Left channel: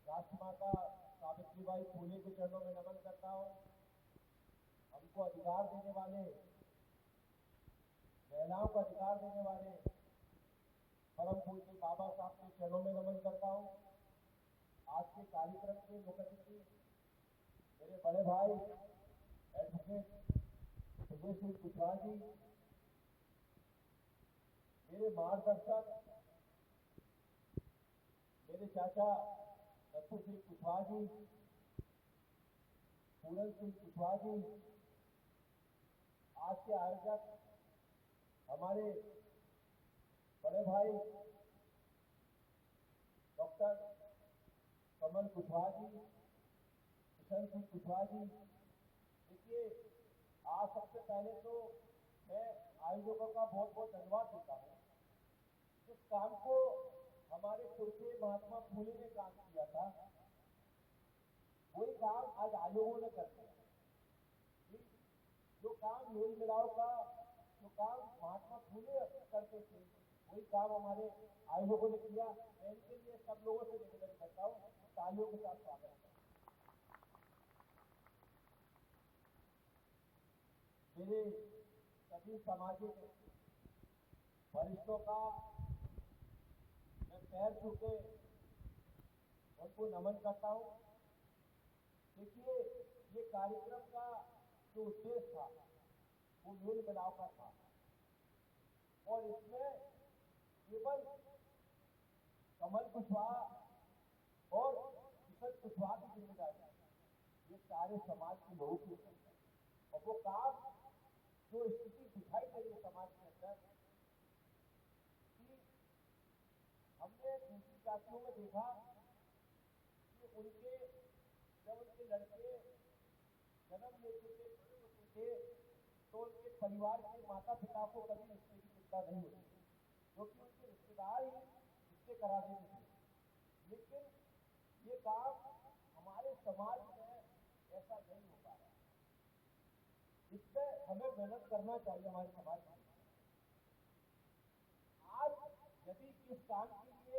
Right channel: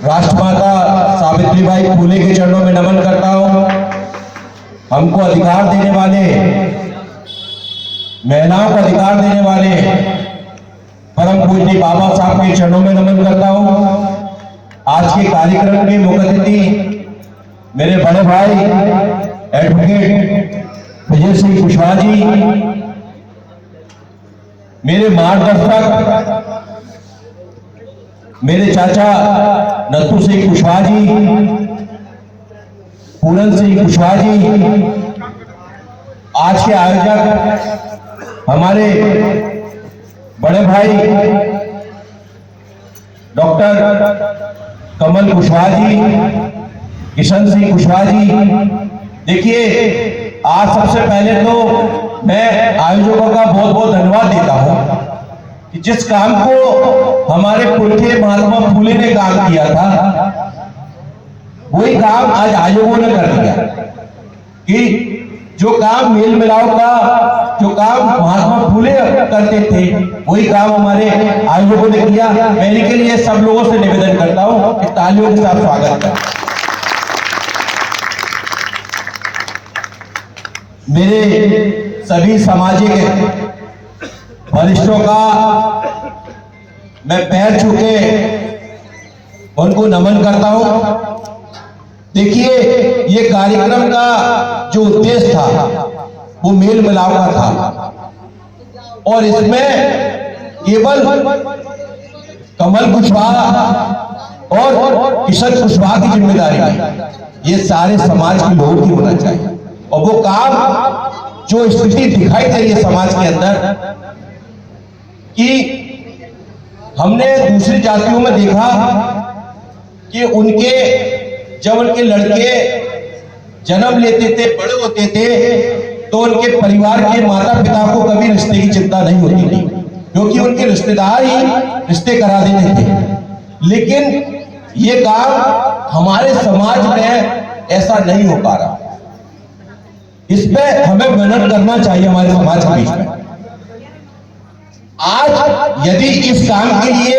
राष्ट्रमाता सावित्रीबाई फुले के चरणों में नमन करता हूं। हमको अधिकार देने वाले, महिलाओं को अधिकार देने वाले परम पूज्य बाबा साहब के चरणों में नमन करता हूं। आज के कार्यक्रम के मुख्य अतिथि मेरे बड़े भाई एडवोकेट विजय सिंह कुशवाहा जी, मेरे मार्गदर्शक मेरे चाचा नत्थू सिंह कुशवाहा जी, पूरन सिंह कुशवाहा जी, आज के आयोजक हमारे बड़े भाई डॉक्टर कमल कुशवाहा जी, किशन सिंह कुशवाहा जी। देखिए, आज सबसे पहले तो मैं आयोजकों का बहुत बहुत धन्यवाद देता हूं कि जिस काम को हमारे पुरखे महात्मा फुले ने काम किया था, वही काम आज आयोगों ने कर दिया। कि जो काम मेल मिलाप का, जो काम महात्मा फुले करते थे, वही काम हमारे आयोजकों ने किया। मैं इनके लिए सब लोगों से निवेदन करता हूं कि तालियों के साथ स्वागत करें। मेरे सभी सामाजिक वरिष्ठों का मैं पैर छू के उनको नमन करता हूं। देखिए, ये कार्यक्रम का जो उद्देश्य था वो मेल मिलाप का था, और इसमें केवल कमल कुशवाहा और किशन कुशवाहा की जिम्मेदारी नहीं, ये सारे समाज के लोगों की होना चाहिए। और वो काम जो स्थिति दिखाई दे रही है समाज के अंदर, कि हमने दूसरी जातियों में देखा कि जब उनके लड़के जन्म लेते थे, बड़े होते थे, तो उनके परिवार के माता पिता को कभी रिश्ते की चिंता नहीं होती थी, क्योंकि उनके रिश्तेदार ही रिश्ते करा देते थे। लेकिन ये काम हमारे समाज में ऐसा नहीं हो पा रहा। इस पे हमें मेहनत करना चाहिए हमारे समाज के बीच में। आज यदि इस काम के लिए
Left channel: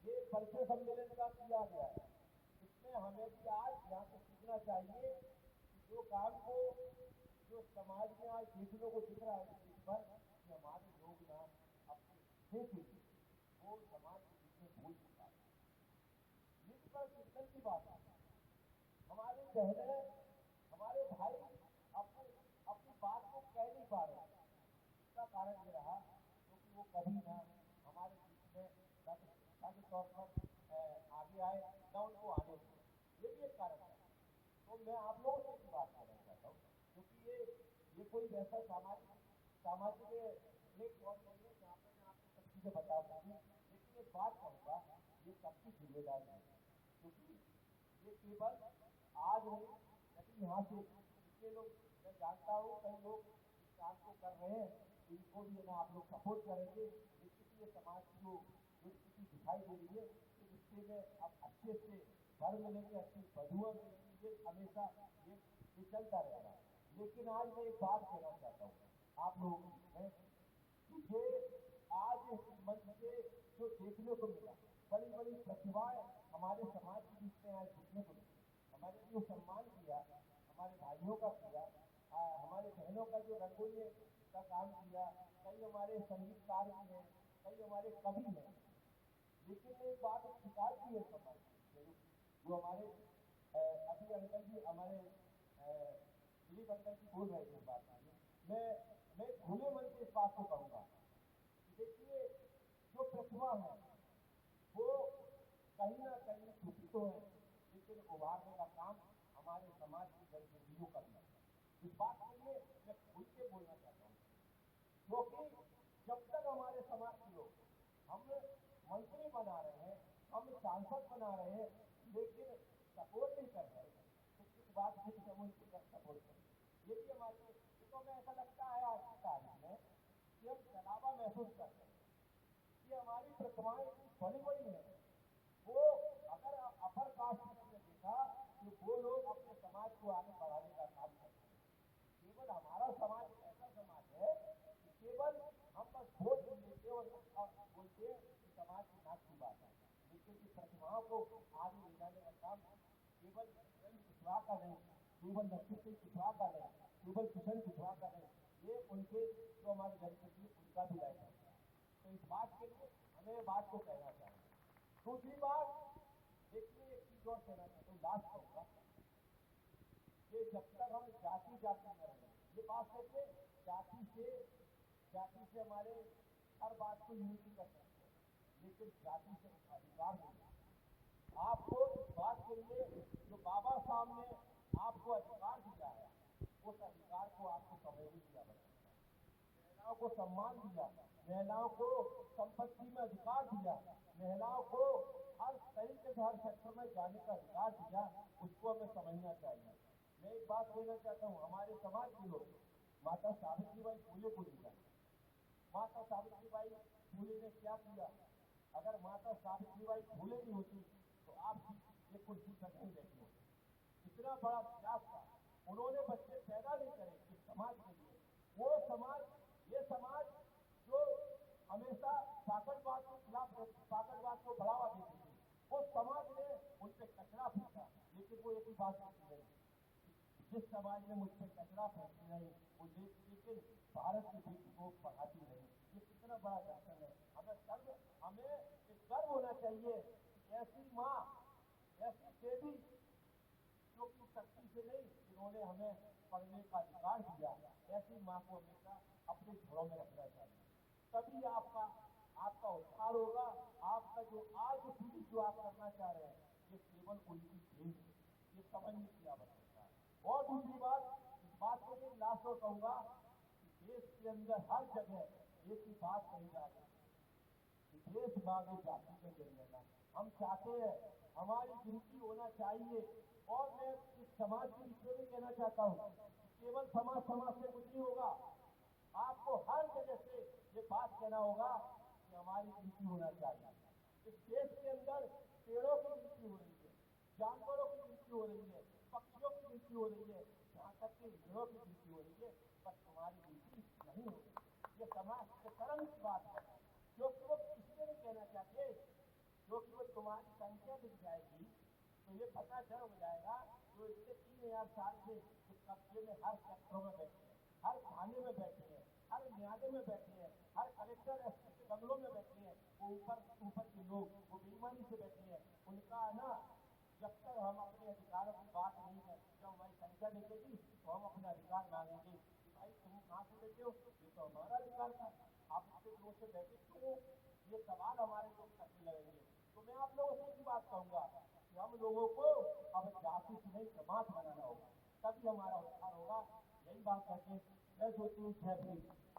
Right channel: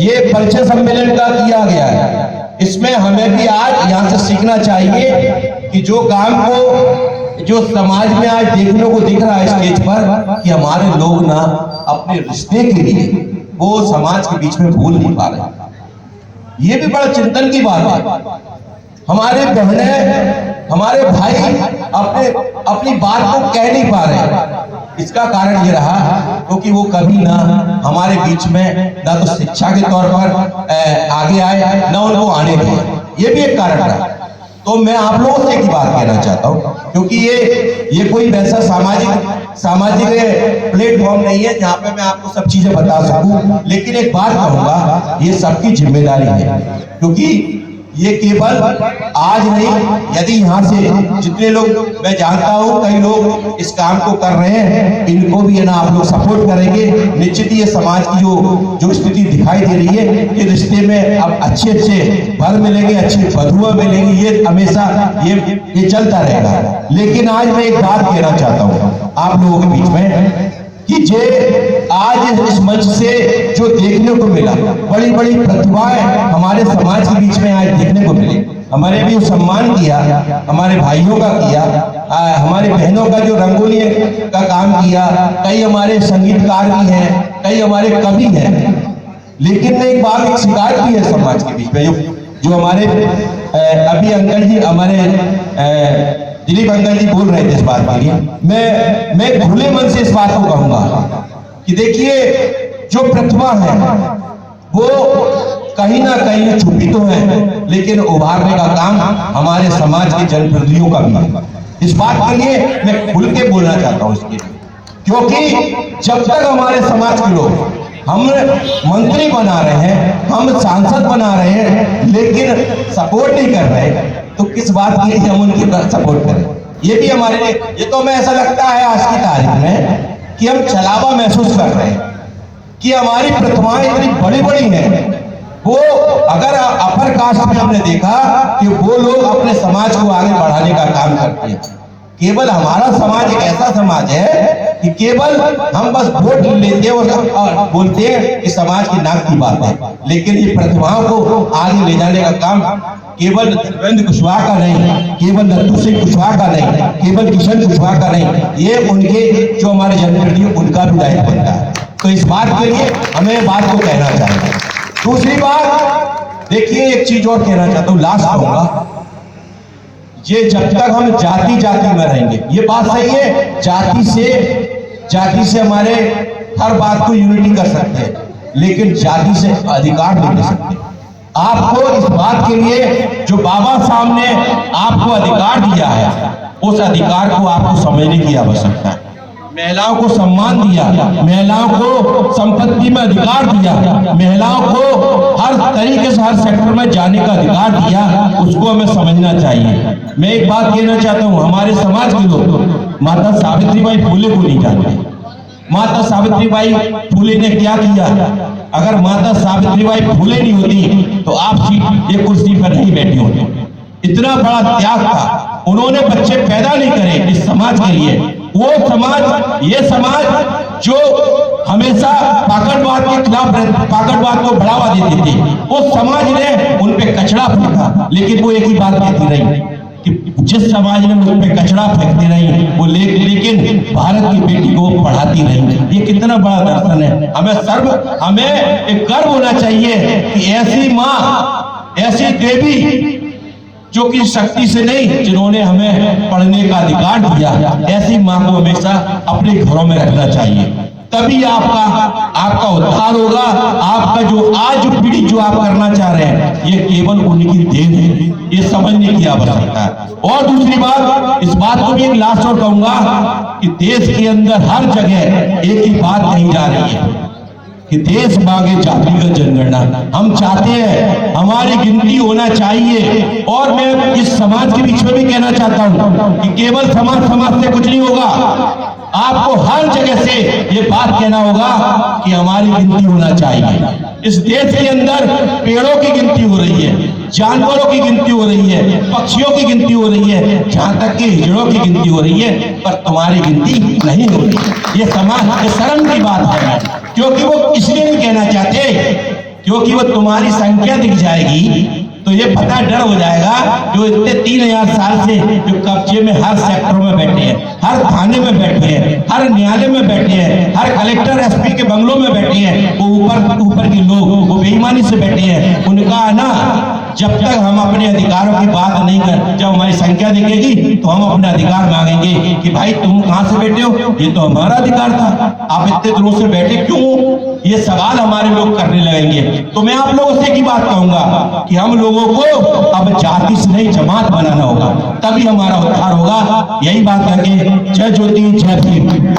ये परिचय सम्मेलन का किया गया है, इसमें हमें भी आज यहां से सीखना चाहिए कि जो काम को, जो समाज में आज देखने को दिख रहा है स्टेज पर, कि हमारे लोग ना अपने रिश्ते के लिए वो समाज के बीच में भूल नहीं पा रहे। ये भी बड़ा चिंतन की बात है। हमारे बहनें, हमारे भाई अपनी बात को कह नहीं पा रहे। इसका कारण ये रहा क्योंकि वो कभी ना हमारे बीच में ना तो शिक्षा के तौर पर आगे आए, ना उनको आने दिए। ये भी एक कारण रहा। तो मैं आप लोगों से एक बात कहना चाहता हूँ, क्योंकि ये कोई वैसा सामाजिक प्लेटफॉर्म नहीं है जहाँ पे मैं आपको सब चीजें बता सकूं। लेकिन एक बात कहूंगा, ये सबकी जिम्मेदारी है, क्योंकि ये केवल आज नहीं, यदि यहाँ से जितने लोग, मैं जानता हूँ कई लोग इस काम को कर रहे हैं, इनको भी है ना आप लोग सपोर्ट करेंगे, निश्चित ही ये समाज की जो स्थिति दिखाई दे रही है, ये रिश्ते में अब अच्छे वर मिलेंगे, अच्छी वधुआ मिलेंगी, ये हमेशा ये चलता रहेगा। लेकिन आज मैं एक बात कहना चाहता हूँ आप लोगों के बीच में, कि जे आज इस मंच से जो देखने को मिला, बड़ी बड़ी प्रतिभाएं हमारे समाज के बीच में आज देखने को मिली। हमारे भी सम्मान किया, हमारे भाइयों का किया, हमारी बहनों का जो रंगोली का काम किया, कई हमारे संगीतकार भी हैं, कई हमारे कवि हैं। लेकिन एक बात, एक शिकायत भी है समाज के बीच में, जो हमारे अभी अंकल जी, हमारे दिलीप अंकल जी बोल रहे थे इस बात के लिए। मैं खुले मन से इस बात को कहूंगा कि देखिए, जो प्रतिभा है वो कहीं ना कहीं छुपी तो है, लेकिन उभारने का काम हमारे समाज के जनप्रतिनिधियों का भी है। इस बात के लिए मैं खुल के बोलना चाहता हूं इसके लिए, क्योंकि जब तक हमारे समाज के लोग, हम मंत्री बना रहे हैं, हम सांसद बना रहे हैं, लेकिन सपोर्ट नहीं कर रहे, तो किस बात के लिए हम उनकी सपोर्ट करें? ये भी हमारे लिए, ये तो हमें ऐसा लगता है आज की तारीख में कि हम छलावा महसूस कर रहे हैं कि हमारी प्रतिभाएं इतनी बड़ी बड़ी हैं। वो अगर अपर कास्ट में हमने देखा कि वो लोग अपने समाज को आगे बढ़ाने का काम करते हैं। केवल हमारा समाज एक ऐसा समाज है कि केवल हम बस वोट लेते हैं और बोलते हैं कि समाज की नाक की बात है, लेकिन ये प्रतिभाओं को आगे ले जाने का काम केवल नरेंद्र कुशवाहा का नहीं, केवल नत्थू सिंह कुशवाहा का नहीं, केवल किशन कुशवाहा का नहीं, ये उनके जो हमारे जनप्रतिनिधि उनका भी दायित्व बनता है। तो इस बात के लिए हमें बात को कहना चाहिए। दूसरी बात देखिए, एक चीज और कहना चाहता हूं, लास्ट कहूंगा, ये जब तक हम जाति जाति में रहेंगे, ये बात सही है, जाति से हमारे हर बात को यूनिटी कर सकते हैं, लेकिन जाति से अधिकार नहीं दे सकते। आपको इस बात के लिए जो बाबा साहब ने आपको अधिकार दिया है, उस अधिकार को आपको समझने की आवश्यकता है। महिलाओं को सम्मान दिया, महिलाओं को संपत्ति में अधिकार दिया, महिलाओं को हर तरीके से हर सेक्टर में जाने का अधिकार दिया, उसको हमें समझना चाहिए। मैं एक बात कहना चाहता हूँ, हमारे समाज के लोग माता सावित्रीबाई फुले को नहीं जानते। माता सावित्रीबाई फुले ने क्या किया? अगर माता सावित्रीबाई फुले नहीं होती तो आप ये कुर्सी पर नहीं बैठे होते। इतना बड़ा त्याग था, उन्होंने बच्चे पैदा नहीं करे इस समाज के लिए। वो समाज, ये समाज जो हमेशा पाकड़वाद के खिलाफ, पाकड़वाद को बढ़ावा देते थे, उस समाज ने उन पे कचरा फेंका, लेकिन वो एक ही बात कहती रही कि जिस समाज ने उन पे कचरा फेंकती रही वो लेकिन भारत की बेटी को पढ़ाती रही। ये कितना बड़ा दर्शन है। हमें एक गर्व होना चाहिए कि ऐसी माँ, ऐसी देवी जो कि शक्ति से नहीं, जिन्होंने हमें पढ़ने का अधिकार दिया, ऐसी मां को हमेशा अपने घरों में रखना चाहिए। तभी आपका उद्धार होगा। आपका जो आज पीढ़ी जो आप करना चाह रहे हैं, ये केवल उनकी देन है, ये समझने की आवश्यकता है। और दूसरी बात, इस बात को भी एक लास्ट और कहूंगा कि देश के अंदर हर जगह एक ही बात कही जा रही है कि देश मांगे जातिगत जनगणना। हम चाहते हैं हमारी गिनती होना चाहिए। और मैं इस समाज के बीच में भी कहना चाहता हूं कि केवल समाज से कुछ नहीं होगा, आपको हर जगह से ये बात कहना होगा कि हमारी गिनती होना चाहिए। इस देश के अंदर पेड़ों की गिनती हो रही है, जानवरों की गिनती हो रही है, पक्षियों की गिनती हो रही है, जहां तक कि हिजड़ों की गिनती हो रही है, पर तुम्हारी गिनती नहीं हो रही। ये समाज, ये शर्म की बात है, क्योंकि वो इसलिए नहीं कहना चाहते क्योंकि वो तुम्हारी संख्या दिख जाएगी तो ये पता डर हो जाएगा, जो इतने 3000 साल से जो कब्जे में हर सेक्टर में बैठे हैं, हर थाने में बैठे हैं, हर न्यायालय में बैठे हैं, हर कलेक्टर एसपी के बंगलों में बैठे हैं, वो ऊपर के लोग वो बेईमानी से बैठे हैं। उनका ना, जब तक हम अपने अधिकारों की बात नहीं कर, जब हमारी संख्या दिखेगी तो हम अपने अधिकार मांगेंगे कि भाई तुम कहां से बैठे हो, ये तो हमारा अधिकार था, आप इतने दिनों से बैठे क्यों? ये सवाल हमारे लोग करने लगेंगे। तो मैं आप लोगों से एक ही बात कहूंगा कि हम लोगों को अब जाति से नहीं जमात बनाना होगा, तभी हमारा उद्धार होगा। यही बात करके जय ज्योति जय भीम।